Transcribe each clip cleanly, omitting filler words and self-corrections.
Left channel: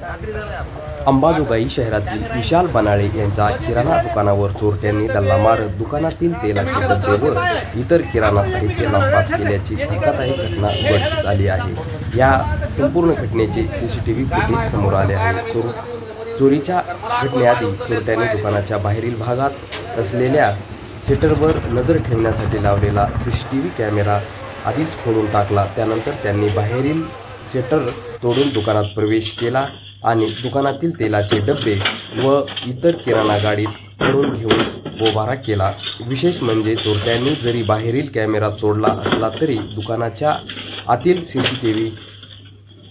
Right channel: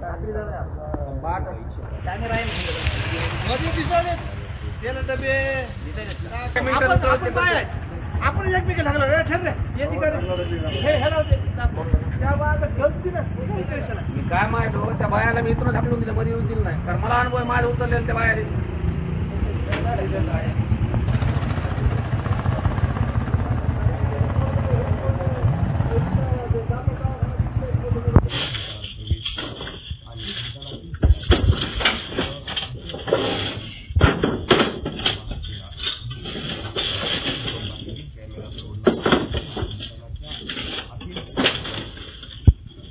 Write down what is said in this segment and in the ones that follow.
अंबाजोगाई शहरातील विशाल बनाळे यांच्या किराणा दुकानावर चोरट्यांनी डल्ला मारत दुकानातील तेलाचे डबे व इतर किराणा साहित्य नापास केल्याची धक्कादायक घटना उघडकीस आली आहे। या संपूर्ण घटनेचे सीसीटीव्ही फुटेज समोर आले आहे। चोरीच्या घटनेआधी चोरट्यांनी दुकानाच्या बाहेरील भागात असलेल्या शटरवर नजर ठेवण्यासाठी लावलेला सीसीटीव्ही कॅमेरा आधीच फोडून टाकला। त्यानंतर त्यांनी बाहेरील शटर तोडून दुकानात प्रवेश केला आणि दुकानातील तेलाचे डबे व इतर किराणा गाडीत भरून घेऊन बोबारा केला। विशेष म्हणजे चोरट्यांनी जरी बाहेरील कॅमेरा तोडला असला तरी दुकानाच्या आतील सीसीटीव्ही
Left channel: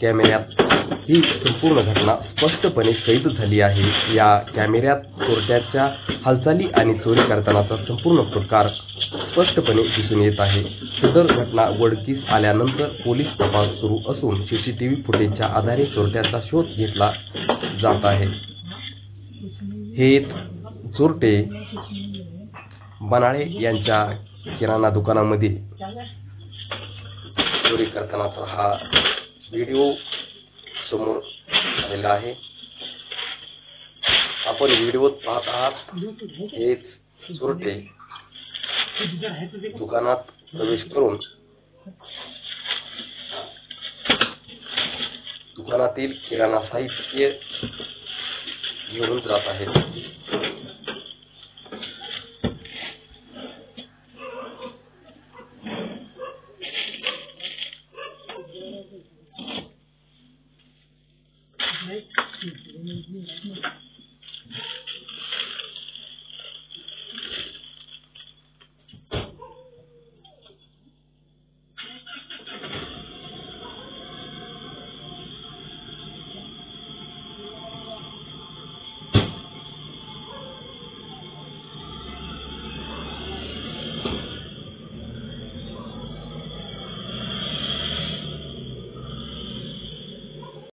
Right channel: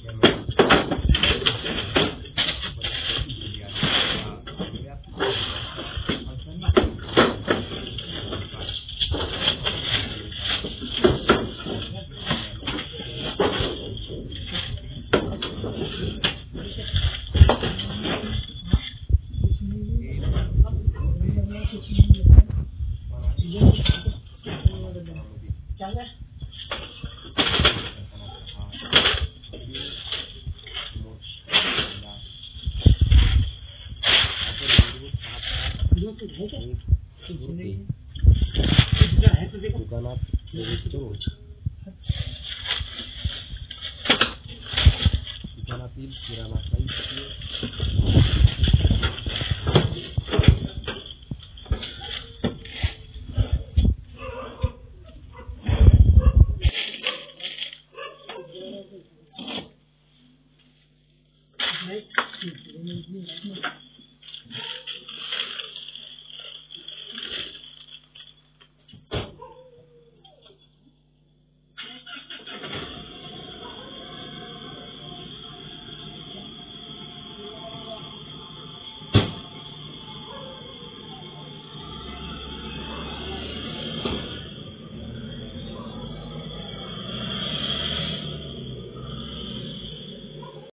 कॅमेऱ्यात ही संपूर्ण घटना स्पष्टपणे कैद झाली आहे। या कॅमेऱ्यात चोरट्याच्या हालचाली आणि चोरी करतानाचा संपूर्ण प्रकार स्पष्टपणे दिसून येत आहे। सदर घटना उघडकीस आल्यानंतर पोलीस तपास सुरू असून सीसीटीव्ही फुटेजच्या आधारे चोरट्याचा शोध घेतला जात आहे। हेच चोरटे बनाळे यांच्या किराणा दुकानामध्ये चोरी करतानाचा हा व्हिडिओ समोर आलेला आहे। आपण व्हिडिओत पाहत आहात हेच चोरटे दुकानात प्रवेश करून दुकानातील किराणा साहित्य घेऊन जात आहेत।